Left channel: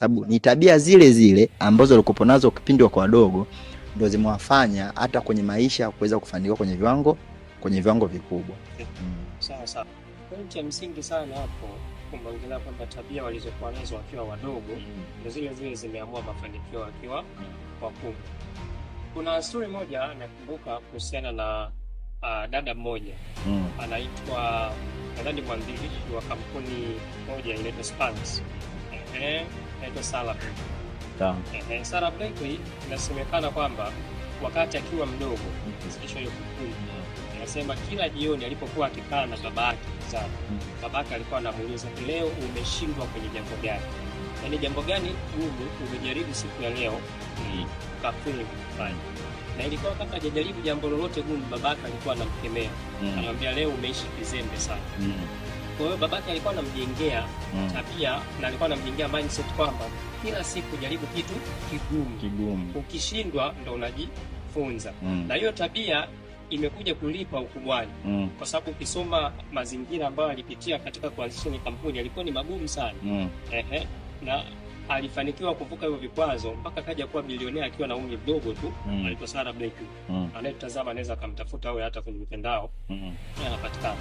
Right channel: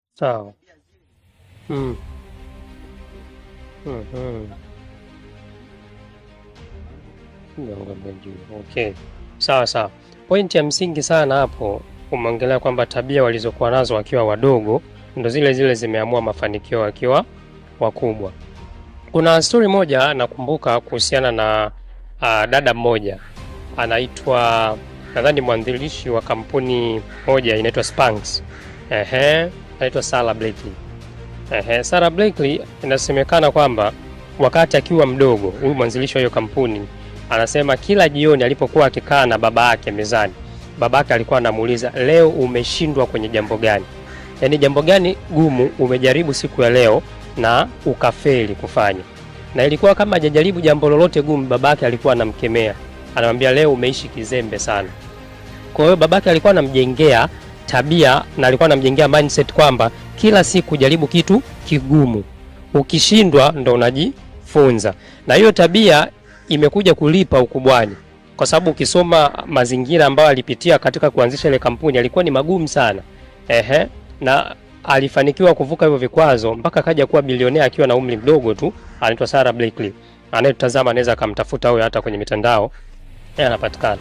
Sababu ni tabia zile zile ambazo walikuwa nazo kipindi wako wadogo ndio zimewafanya hata kwenye maisha kuweza kufanikiwa kwenye viwango vikubwa. Okay. Sawa. Point ya msingi sana hapo umeongelea kwamba tabia walizokuwa nazo wakiwa wadogo ndio zile zile zimeamua mafanikio wakiwa wakubwa. Kuna story moja nakumbuka kuhusiana na dada mmoja anaitwa, nadhani mwanzilishi wa kampuni moja inaitwa Spanx. Anaitwa Sarah Blakely. Sarah Blakely inasemekana kwamba wakati akiwa mdogo, huyu mwanzilishi wa hiyo kampuni anasema kila jioni alipokuwa akikaa na baba yake mezani, baba yake alikuwa anamuuliza, leo umeshindwa kwenye jambo gani? Yaani jambo gani gumu umejaribu siku ya leo na ukafeli kufanya? Na ilikuwa kama hajajaribu jambo lolote gumu, babake alikuwa anamkemea. Anamwambia leo umeishi kizembe sana. Kwa hiyo babake alikuwa anamjengea tabia na alikuwa anamjengea mindset kwamba kila siku jaribu kitu kigumu. Ukishindwa ndo unajifunza. Na hiyo tabia imekuja kulipa ukubwani. Kwa sababu ukisoma mazingira ambayo alipitia katika kuanzisha ile kampuni alikuwa ni magumu sana. Na alifanikiwa kuvuka hivyo vikwazo mpaka kaja kuwa bilionea akiwa na umri mdogo tu. Anaitwa Sarah Blakely. Anayetazama anaweza akamtafuta huyo hata kwenye mitandao. Anapatikana.